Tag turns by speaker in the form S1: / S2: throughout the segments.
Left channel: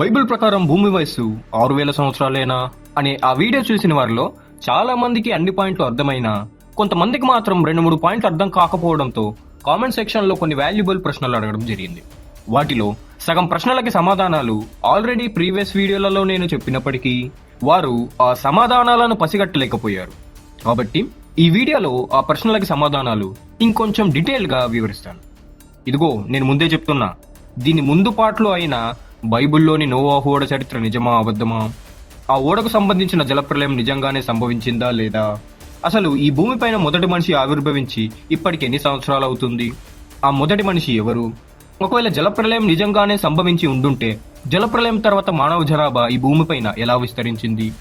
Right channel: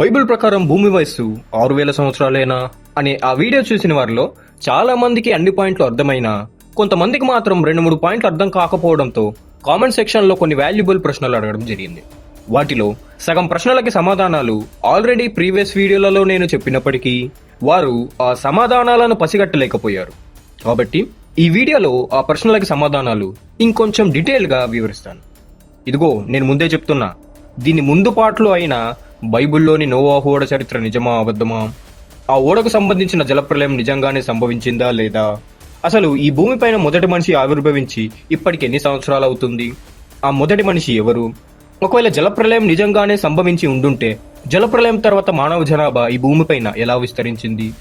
S1: Bible ప్రకారం భూమి వయస్సు ఆరు వేల సంవత్సరాలేనా అనే ఆ వీడియో చూసిన వారిలో చాలా మందికి అన్ని పాయింట్లు అర్థమైనా కొంతమందికి మాత్రం రెండు మూడు పాయింట్లు అర్థం కాకపోవడంతో కామెంట్ సెక్షన్లో కొన్ని వాల్యుబుల్ ప్రశ్నలు అడగడం జరిగింది. వాటిలో సగం ప్రశ్నలకి సమాధానాలు ఆల్రెడీ ప్రీవియస్ వీడియోలలో నేను చెప్పినప్పటికీ వారు ఆ సమాధానాలను పసిగట్టలేకపోయారు. కాబట్టి ఈ వీడియోలో ఆ ప్రశ్నలకి సమాధానాలు ఇంకొంచెం డీటెయిల్గా వివరిస్తాను. ఇదిగో నేను ముందే చెప్తున్నా దీని ముందు పాటలో అయినా బైబిల్లోని నోవా ఓడ చరిత్ర నిజమా అబద్ధమా? ఆ ఓడకు సంబంధించిన జలప్రలయం నిజంగానే సంభవించిందా లేదా? అసలు ఈ భూమిపైన మొదటి మనిషి ఆవిర్భవించి ఇప్పటికి ఎన్ని సంవత్సరాలు అవుతుంది? ఆ మొదటి మనిషి ఎవరు? ఒకవేళ జలప్రలయం నిజంగానే సంభవించి ఉండుంటే జలప్రలయం తర్వాత మానవ జనాభా ఈ భూమిపైన ఎలా విస్తరించింది?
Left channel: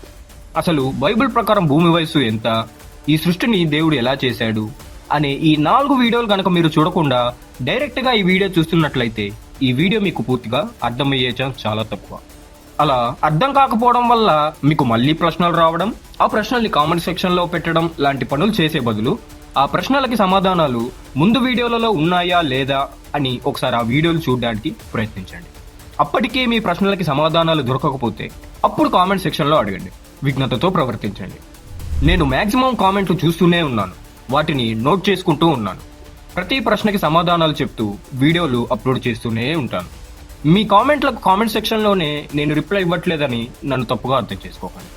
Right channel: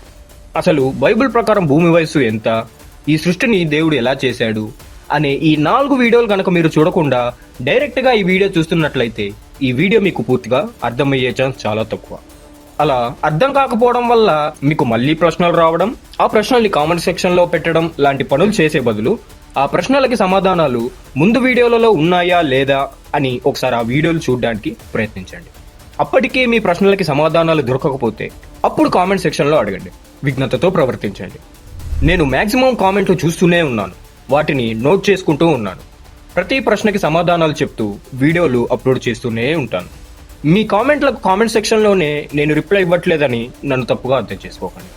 S1: అసలు బైబిల్ ప్రకారం భూమి వయస్సు ఎంత? ఈ సృష్టిని దేవుడు ఎలా చేశాడు? అనే ఈ నాలుగు వీడియోలు కనుక మీరు చూడకుండా డైరెక్ట్గా ఈ వీడియో చూస్తున్నట్లయితే ఈ వీడియో మీకు పూర్తిగా అర్థమయ్యే ఛాన్స్ చాలా తక్కువ. అలా అర్థం కాకపోవడం వల్ల మీకు మళ్ళీ ప్రశ్నలు రావడం ఆ ప్రశ్నల్ని కామెంట్ సెక్షన్లో పెట్టడం లాంటి పనులు చేసే బదులు ఆ ప్రశ్నలకి సమాధానాలు ముందు వీడియోలలో ఉన్నాయా లేదా అని ఒకసారి ఆ వీడియోలు చూడడానికి ప్రయత్నించండి. అప్పటికే మీ ప్రశ్నలకి సమాధానాలు దొరకకపోతే అప్పుడు కామెంట్ సెక్షన్లో అడగండి. విఘ్నతతో ప్రవర్తించండి. నేను మ్యాక్సిమం కామెంట్లు చూస్తూనే ఉన్నాను. వాటిని నోట్ చేసుకుంటూ ఉన్నాను. ప్రతి ప్రశ్నకి సమాధానాలు చెప్తూ వీడియోలు అప్లోడ్ చేస్తూనే ఉంటాను. మీ కామెంట్లకు కామెంట్ సెక్షన్లోనే నేను రిప్లై ఇవ్వట్లేదని నన్ను తప్పుగా అర్థం చేసుకోకండి.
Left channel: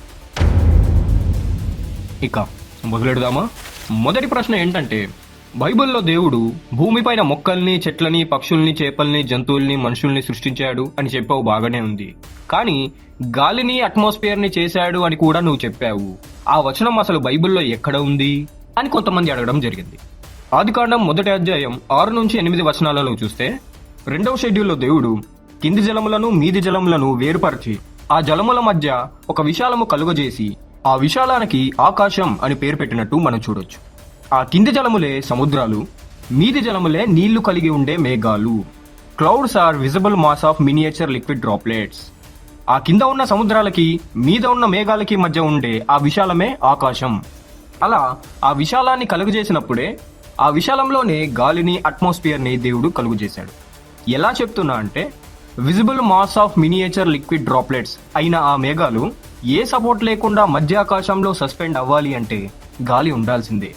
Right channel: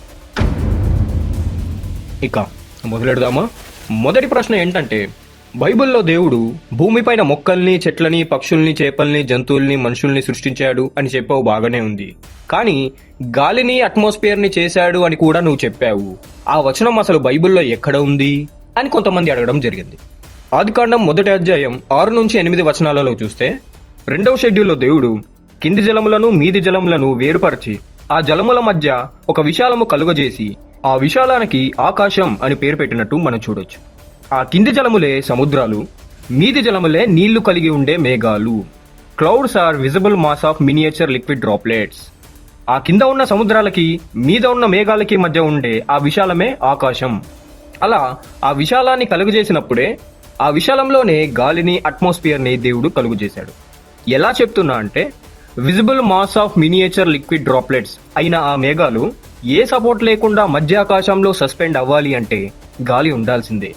S1: ఇక మొదలెడదామా? మొదటి ప్రశ్న ఏంటంటే బైబిల్లో దేవుడు భూమిపైన మొక్కల్ని చెట్లని పక్షుల్ని చేపల్ని జంతువుల్ని మనుషుల్ని సృష్టించాడు అని చెప్పావు బాగానే ఉంది. కానీ గాలిని అట్మాస్ఫియర్ని చేశాడు అని కూడా నువ్వు చెప్పావు. ఆ వచనం అసలు బైబిల్లో ఎక్కడ ఉంది? అని కొంతమంది అడగడం జరిగింది. ఆదికాండం మొదటి అధ్యాయం ఆరు నుంచి ఎనిమిది వచనాలను చూస్తే రెండవ షెడ్యూల్లో దేవుడు కింది జలములను మీది జలములను వేరుపరిచి ఆ జలముల మధ్య ఒక విశాలము కలుగజేసి ఆ విశాలానికి ఆకాశం అని పేరు పెట్టినట్టు మనం చూడొచ్చు. ఆ కింది జలములే సముద్రాలు మీది జలములే నీళ్ళు కలిగి ఉండే మేఘాలు. Clouds are visible mass of miniature liquid droplets ఆ కింద ఉన్న సముద్రాలకి మీద ఉన్న మేఘాలకి మధ్య ఉండే ఆ విశాలమే ఆకాశం. అలా ఆ విశాలాన్ని కలుగజేసినప్పుడే ఆ విశాలంలోనే గాలిని అట్మాస్ఫియర్ని దేవుడు కలుగు చేశాడు ఎలా చెప్తున్నా అంటే visible mass of miniature liquid droplets అయిన ఆ మేఘాలు ఏ సపోర్ట్ లేకుండా మధ్య ఆకాశంలో సస్పెండ్ అవ్వాలి అంటే గాలి ఉండాల్సిందే.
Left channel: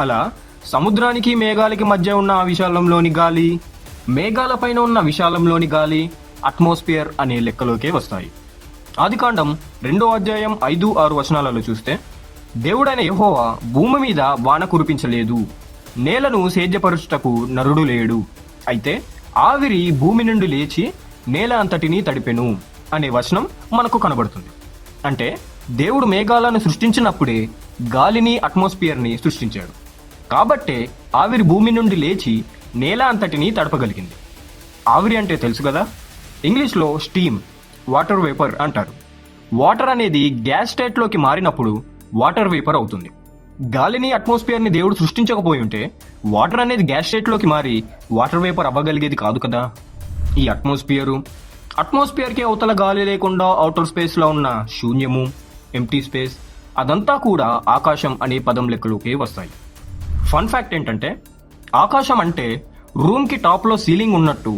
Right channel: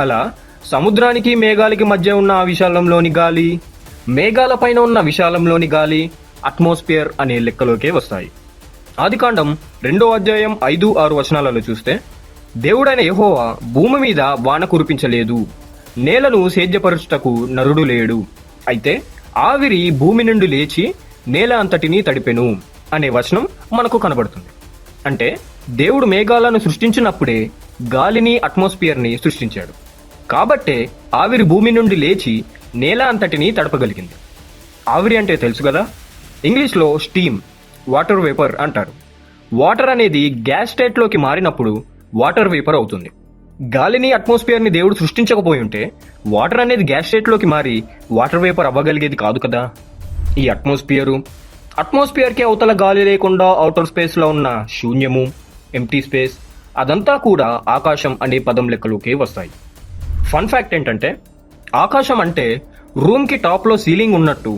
S1: అలా సముద్రానికి మేఘాలకి మధ్య ఉన్న ఆ విశాలంలోని గాలి మేఘాల పైన ఉన్న విశాలంలోని గాలి అట్మాస్ఫియర్ అనే లెక్కలోకే వస్తాయి. ఆదికాండం రెండో అధ్యాయం ఐదు ఆరు వచనాలలో చూస్తే దేవుడైన యహోవా భూమి మీద వాన కురిపించలేదు. నేలను సేద్యపరుచుటకు నరుడు లేడు. అయితే ఆవిరి భూమి నుండి లేచి నేల అంతటిని తడిపెను అనే వచనం మనకు కనబడుతుంది. అంటే దేవుడు మేఘాలను సృష్టించినప్పుడే గాలిని అట్మాస్ఫియర్ని సృష్టించాడు. కాబట్టే ఆవిరి భూమి నుండి లేచి నేల అంతటిని తడపగలిగింది. ఆవిరి అంటే తెలుసు కదా? ఇంగ్లీష్లో స్టీమ్ వాటర్ వేపర్ అంటారు. వాటర్ అనేది గ్యాస్ స్టేట్లోకి మారినప్పుడు వాటర్ వేపర్ అవుతుంది. గాలిని అట్మాస్ఫియర్ని దేవుడు సృష్టించకపోయి ఉంటే వాటర్ అనేది గ్యాస్ స్టేట్లోకి మారి వాటర్ వేపర్ అవ్వగలిగేది కాదు కదా? ఈ అట్మాస్ఫియరు అట్మాస్ఫియర్కి అవతల గాలి లేకుండా అవుటర్ స్పేస్లో ఉన్న శూన్యము ఎంటీ స్పేస్ అదంతా కూడా ఆకాశం అనే పదం లెక్కలోకి వస్తాయి. ఫన్ ఫ్యాక్ట్ ఏంటంటే ఆకాశం అంటే రూమ్కి టాప్లో సీలింగ్ ఉన్నట్టు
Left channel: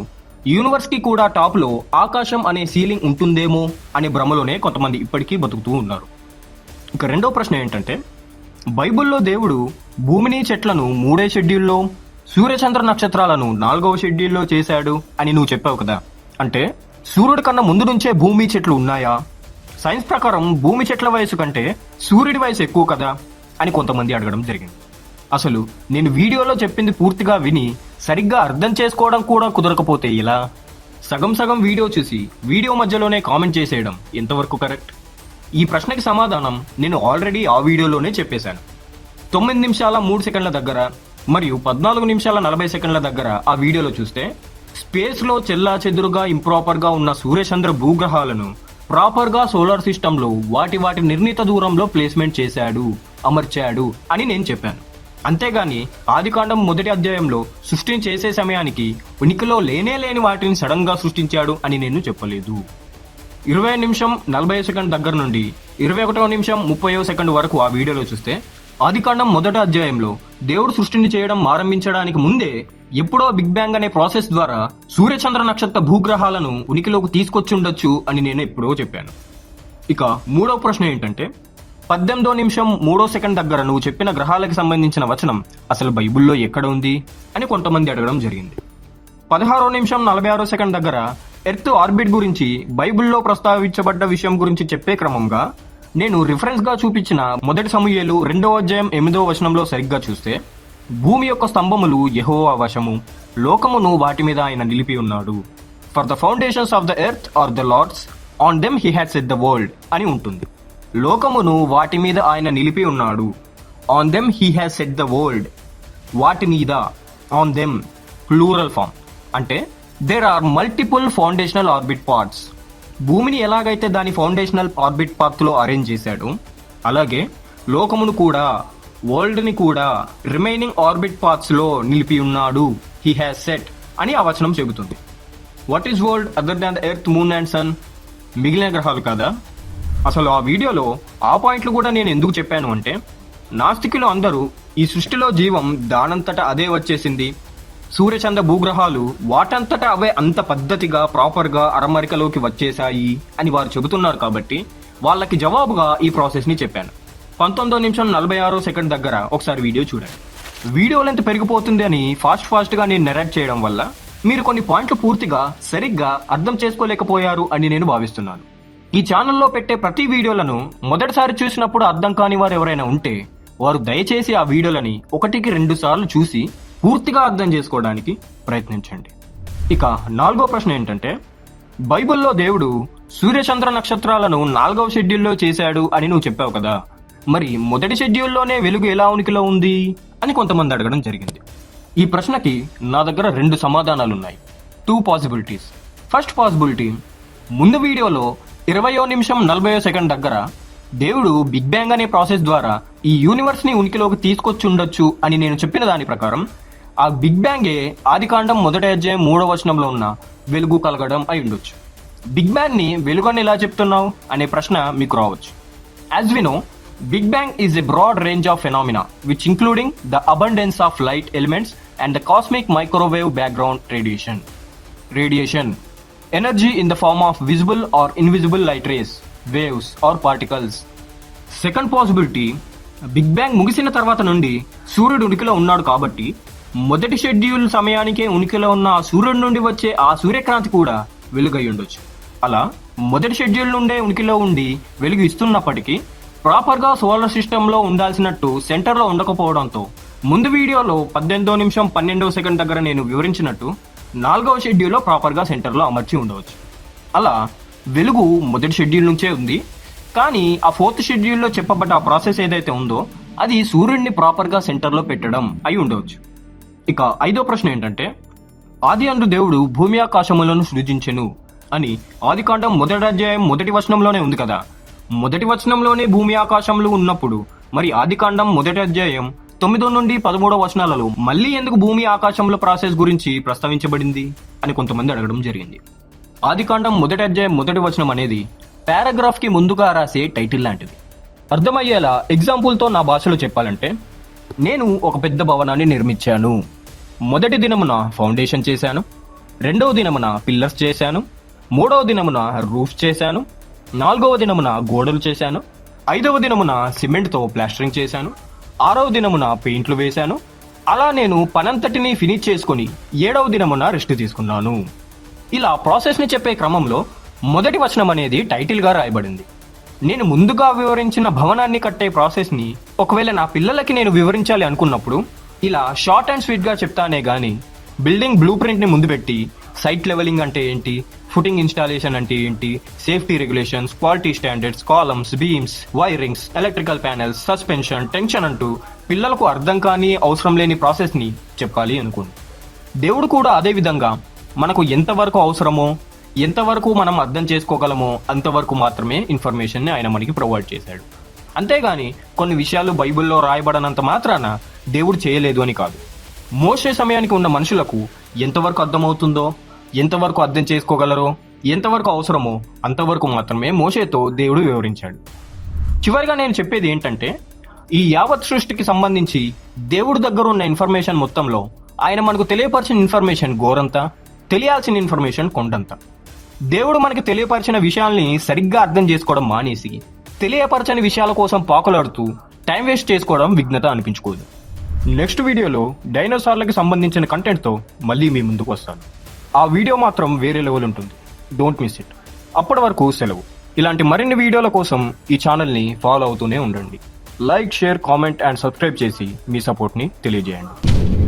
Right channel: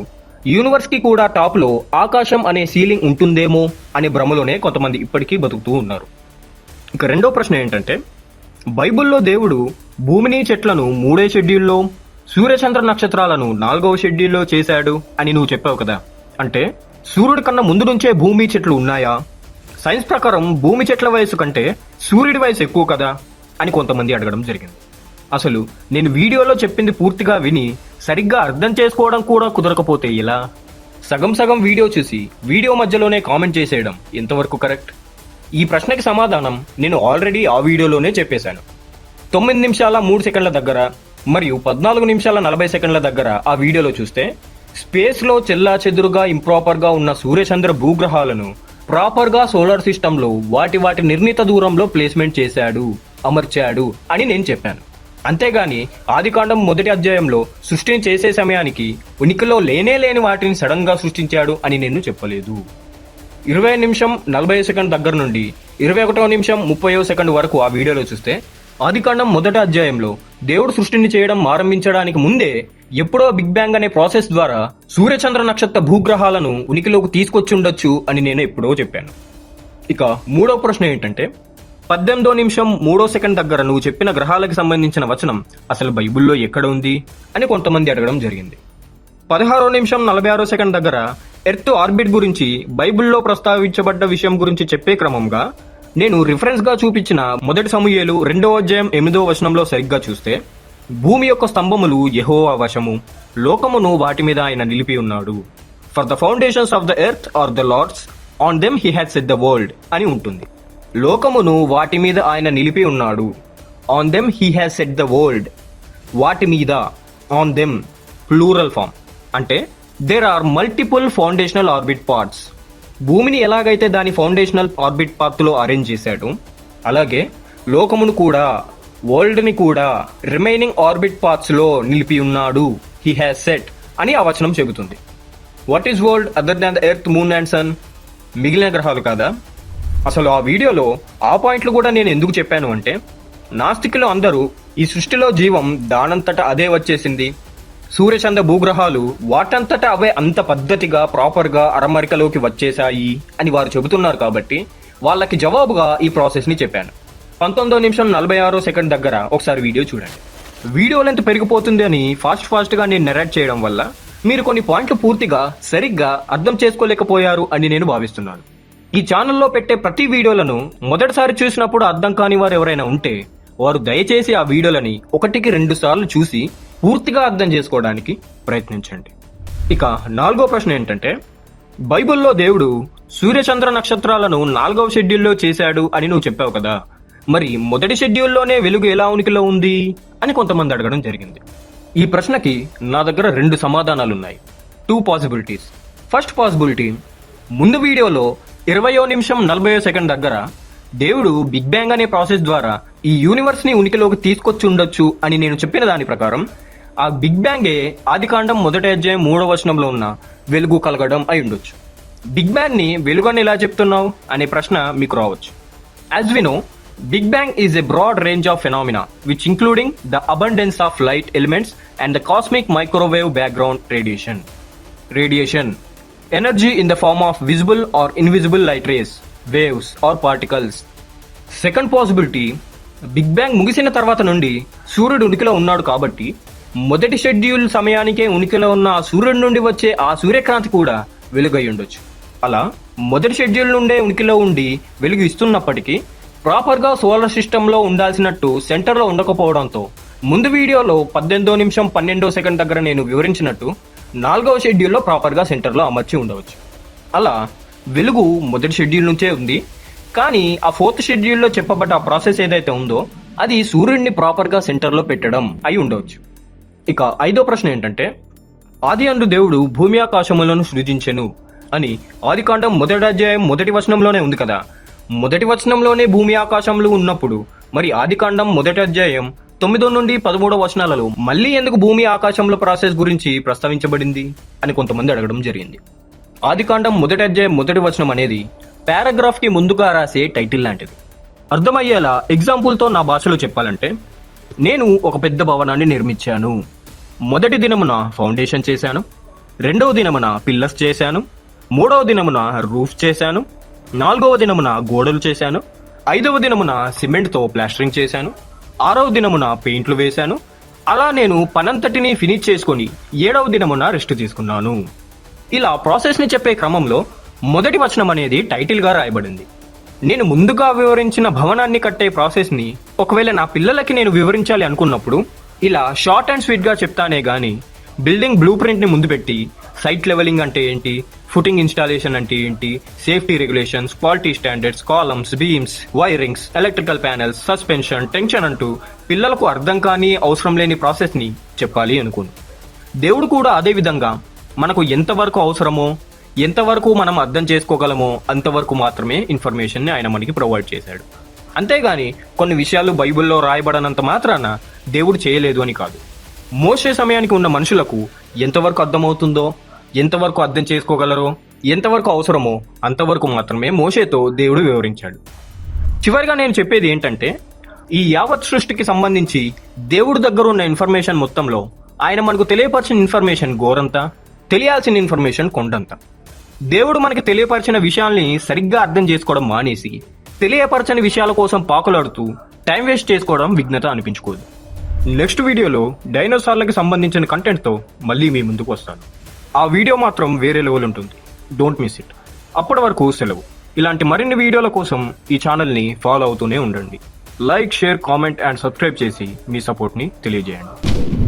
S1: యూనివర్స్కి కూడా టాప్లో ఆకాశం అనే సీలింగ్ ఉంటుందేమో అనే భ్రమలోనే కొంతమంది ఇప్పటికీ బతుకుతూ ఉన్నారు. ఇక రెండో ప్రశ్న ఏంటంటే బైబిల్లో దేవుడు భూమిని చెట్లను మూడే షెడ్యూల్లో సూర్యచంద్ర నక్షత్రాలను నాలుగవ షెడ్యూల్లో చేశాడు అని నువ్వు చెప్పావు కదా. అంటే సూర్యుడి కన్నా ముందు నుంచే భూమి చెట్లు ఉన్నాయా? సైన్స్ ప్రకారం భూమి చెట్ల వయసు కంటే సూర్యుడి వయసు ఎక్కువ కదా అని కొంతమంది అడగడం జరిగింది. అసలు నేను వీడియోలో చెప్పింది పూర్తిగా విని సరిగ్గా అర్థం చేసుకోవడం కూడా కుదరకపోతే ఎలా? సగం సగం వీడియో చేసి వీడియో మధ్యలోనే కామెంట్ చేసేయడం ఎంతవరకు కరెక్ట్? ఈ ప్రశ్నకి సమాధానం నేను ఆల్రెడీ ఆ వీడియోలోనే చెప్పేశాను. తొమ్మిది నిమిషాల మూడు సెకండ్ల దగ్గర మరియు పద్నాలుగు నిమిషాల నలభై సెకండ్ల దగ్గర ఆ వీడియోలో చూస్తే స్పేస్లో చెల్లా చెదురుగా ఇంప్రాపర్గా ఉన్న సూర్యచంద్ర భూగ్రహాలను ప్రాపర్గా సోలార్ సిస్టంలో వాటి వాటి నిర్ణీత దూరంలో ప్లేస్మెంట్ చేశాడు అమర్చాడు అని నేను చెప్పాను. అంతేగాని ఆదికాండం మొదటి అధ్యాయంలో సృష్టిని చేసే సమయానికి ఉనికిలో లేనే లేని వాటిని సడన్గా సృష్టించాడు అని నేను చెప్పలేదు. ఇరవై నిమిషం నలభై సెకండ్ దగ్గర నుండి ఇరవై ఒకటో నిమిషం ముప్పై సెకండ్ వరకు ఆ వీడియోలో చూస్తే ఆదికాండం మొదట అధ్యాయంలో దేవుడు సృష్టిని చేయడం ఆరంభించడానికి ముందే ఎప్పుడో బిగ్ బ్యాంగ్ అనే ప్రాసెస్ ద్వారా సూర్యచంద్ర నక్షత్ర భూగ్రహాలను ఉనికిలోకి తీసుకొచ్చి ఉండొచ్చు అని నేను ఎప్పుడో చెప్పాను. ఇక మూడో ప్రశ్న ఏంటంటే పద్దెనిమిదో నిమిషం మూడో సెకండ్ దగ్గర నువ్వు చెప్పిన గ్రహాలకు సంబంధించిన వచనం అసలు బైబిల్లో ఎక్కడ ఉంది అని కొంతమంది అడగడం జరిగింది. పదహారో నిమిషం నలభై ఆరో సెకండ్ దగ్గర ఎర్త్ ఆర్బిట్ గురించి బైబిల్లో ప్రస్తావించబడ్డ విషయం గురించి చెప్పే క్రమంగా నేను రిఫరెన్స్గా చూపించిన మొదటి సమూహేలు రెండవ అధ్యాయం ఎనిమిదో వచనంలో సరిగ్గా చూస్తే భూమి యొక్క స్తంభములు యహో వశము లోకమును వాటి మీద ఆయన నిలిపి ఉన్నాడు. For the foundations of the earth are the Lord's on them he had set the world అని ఉంటుంది. లోకమును వాటి మీద ఆయన నిలిపి ఉన్నాడు. On them he has set the world వాటి మీద ఆన్ దెమ్ ప్లూరల్ ఫామ్ అంటే there are multiple foundational orbit parts భూమిని ఎలాగైతే దాని ఫౌండేషనల్ ఆర్బిట్ పాత్ అరేంజ్ చేశాడు అలాగే లోకమును కూడా వరల్డ్ని కూడా రిమైనింగ్ ఆర్బిట్ పార్ట్స్లో నిలిపి ఉన్నాడు. హీ హ్యాస్ సెట్ అని ఆ వచనం చెబుతుంది. What is world other than the earth moon and sun మిగిలిన గ్రహాలు కాదా? అసలు ఆ వీడియోలో ఆ పాయింట్లు కూడా నేను ఎందుకు చెప్పాను అంటే నాస్తికులు అందరూ ఈ సృష్టిలో జీవం దానంతట అదే వచ్చేసింది. సూర్యచంద్ర భూగ్రహాలు వాటంతట అవే అంత పద్ధతిగా ప్రాపర్గా అరమరికలోకి వచ్చేశాయి అని వారు చెబుతున్నారు కాబట్టి వాళ్ళకి జవాబుగా ఈ ప్రాసెస్ని చెప్పాను. పంతొమ్మిదో నిమిషం నలభై ఆరో సెకండ్ దగ్గర ఒకసారి వీడియో చూడండి. వీడియో లెంత్ పెరిగిపోతుంది అని ఫాస్ట్ ఫాస్ట్గా నేను నెరేట్ చేయడం వల్ల మీరు కొన్ని పాయింట్లు పూర్తిగా సరిగ్గా అర్థం చేసుకోలేకపోయారు అని నేను భావిస్తున్నాను. ఈ ఛానల్లో పెట్టే ప్రతి వీడియోలను మొదటిసారి చూసినప్పుడు అర్థం కాని వారు ఎవరైనా ఉంటే వారు దయచేసి ఆ వీడియోలని ఒకటికి రెండు సార్లు చూసి పూర్తిగా అర్థం చేసుకోవడానికి ప్రయత్నించండి. ఇక నాలుగో ప్రశ్న ఏంటంటే బైబిల్లో దేవుడు సూర్యచంద్ర నక్షత్రాలను నాలుగవ షెడ్యూల్లో చేశాడు అని నువ్వు చెప్పావు కదా. మరి మొదటి షెడ్యూల్లోనే వెలుగు ఎలా ఉనికిలో ఉంది అని కొంతమంది అడగడం జరిగింది. ఈ ప్రశ్నకి నా దగ్గర రెండు సమాధానాలు ఉన్నాయి టూ పాసిబిలిటీస్ ఫస్ట్ పాసిబిలిటీ ముందు వీడియోలో ఇరవయో నిమిషం నలభై సెకండ్ దగ్గర దేవుడు బిగ్ బ్యాంగ్ అనే ప్రాసెస్ ద్వారా ఈ యూనివర్స్ని ఉనికిలోకి తీసుకొచ్చి ఉండొచ్చు అని నేను చెప్పిన దాని ప్రకారం ఆ బిగ్ బ్యాంగే ఆదికాండం మొదటి అధ్యాయం మూడవ వచనంలో ఉన్న వెలుగు కలగడం అయి ఉండొచ్చు. బిగ్ బ్యాంగ్ని వెలుగని ఎలా చెప్తున్నావు? అనే ప్రశ్న మీకు రావచ్చు. As we know big bang is a broad range of phenomena which including the abundance of light elements and the cosmic microwave background radiation radiation energy in the form of visible or invisible light rays waves or particles second possibility big bang ముగిసిన తర్వాత నుండి సూర్యుడు ఉనికిలో ఉన్నాడు కాబట్టి మొదటి schedule సమయానికే ఉనికిలో ఉన్న ఆ సూర్యుడి నుండి వచ్చే ఆ సూర్యకాంతి కూడా వెలుగై ఉండొచ్చు. అలా మొదటి షెడ్యూల్ నుండే ఉనికిలో ఉండి వెలుగు ఇస్తున్నప్పటికీ ప్రాపర్గా సోలార్ సిస్టంలో ఉండాల్సినట్టు సెంటర్లో ఉండకపోవడంతో ముందు వీడియోలో పద్దెనిమిదో నిమిషం పన్నెండో సెకండ్ దగ్గర నేను వివరించినట్టు నాలుగవ షెడ్యూల్లో ప్రాపర్గా సెంటర్లో అమర్చి ఉండవచ్చు. అలా వెలుగు మొదటి షెడ్యూల్ నుంచే ఉంది. కానీ ఆ ఫోర్త్ షెడ్యూల్లో చెప్పబడ్డ ఆ ప్రాసెస్ ఏదైతే ఉందో అది సూర్యుడిని ప్రాపర్గా సెంటర్లో పెట్టడం అయి ఉండవచ్చు. ఇక ఐదో ప్రశ్న ఏంటంటే ఆది అందు దేవుడు భూమి ఆకాశములను సృజించెను అని ఆదికాండం మొదటి అధ్యాయం మొదటి వచనంలోనే ఉంది కదా. మొదటి వచనంలోనే భూమి ఆకాశములు ఉన్నప్పుడు మరి ఆదికాండం మొదటి అధ్యాయం తొమ్మిదో నుండి పదమూడో వచనాలలో మళ్ళీ ఎందుకు భూమి ఆకాశంలో ప్రాసెస్ గురించి ప్రస్తావించబడింది అని కొంతమంది అడగడం జరిగింది. ఆదికాండం మొదటి అధ్యాయం మొదటి వచనం అనేది పారాగ్రాఫ్కి ముందుగా రాసే టైటిల్ లాంటిది. అర్థమయ్యేలా ఎగ్జాంపుల్తో నా భాషలో చెప్పాలంటే నేను ఒక పెద్ద భవనాన్ని నిర్మించాను. మొదటి దినమున ఫౌండేషన్ చేశాను. రెండవ దినమున పిల్లర్స్ చేశాను. మూడవ దినమున రూఫ్ చేశాను. నాలుగవ దినమున గోడలు చేశాను. ఐదవ దినమున సిమెంట్తో ప్లాస్టరింగ్ చేశాను. ఆరవ దినమున పెయింట్లు వేశాను. అలా నేను పనంతటిని ఫినిష్ చేసుకొని ఏడవ దినమున రెస్ట్ తీసుకున్నాను. ఇలా ప్రాసెస్ని చెప్పే క్రమంలో మొదటి వచనం అనేది టైటిల్గా రాయబడింది. నేను ముందుగా వివరించిన భవనాన్ని కట్టే ప్రాసెస్ని ఒకవేళ నా పిల్లలకి నేను వివరించాలి అనుకున్నప్పుడు ఇలా షార్ట్ అండ్ స్వీట్గా చెప్తానే కానీ బిల్డింగ్ బ్లూ ప్రింట్ని ముందు పెట్టి సైట్ లెవెలింగ్ అంటే ఏంటి ఫుటింగ్ ఇన్స్టాలేషన్ అంటే ఏంటి safety regulations quality standards columns beams wirings electrical panels suspension tension అంటూ పిల్లలకు అర్థం కాని అవసరం లేని ప్రాసెస్ని చెప్పాలి అనుకుంది దేవుడు కూడా అదే విధంగా మనకు ఎంతవరకు అవసరమో ఎంతవరకు మనం అర్థం చేసుకోగలమో అంతవరకు మాత్రమే ఇన్ఫర్మేషన్ని ఆయన మనకి ప్రొవైడ్ చేశాడు. అంతేగాని కొన్ని విషయాలు బైబిల్లో రాయబడనంత మాత్రాన దేవుడు చేయలేదు అని కాదు. మోసే సమయానికి ఉన్న మనుషులకు ఎంతవరకు అర్థమవుతుందో ఎంతవరకు అర్థం చేసుకోగలరో ఎంతవరకు అవసరమో అంతవరకు మాత్రమే మోసేతో దేవుడు వివరించాడు. చివరిగా నేను చెప్పేది ఏంటంటే ఈ యావత్ సృష్టికి సంబంధించి దేవుడి దగ్గర ఉన్న ఇన్ఫర్మేషన్ మొత్తంలో ఆయన మనకు తెలియపరిచిన ఇన్ఫర్మేషన్ గోరంతా తెలియాల్సిన ఇన్ఫర్మేషన్ కొండంత. దేవుడు మనకి తెలియపరిచిన విషయాల్ని సరిగ్గా అర్థం చేసుకోవడం మానేసి తెలియపరచని విషయాల కోసం పాకలాడుతూ టైం వేస్ట్ చేసుకోవడం విఘ్నత అనిపించుకోదు. నెక్స్ట్ వీడియోలో డైనోసార్లకు సంబంధించిన కంటెంట్తో మళ్ళీ మీ ముందుకు వస్తాను. ఆ వీడియో మాత్రం వేరే లెవెల్ ఉంటుంది. డోంట్ మిస్ ఇట్ అప్పటి వరకు సెలవు. ఇలాంటి మరిన్ని వీడియోల కోసం ఈ ఛానల్ని ఫాలో అవుతూనే ఉండండి. Like share comment and subscribe చేసి మీ సపోర్ట్ని తెలియజేయండి.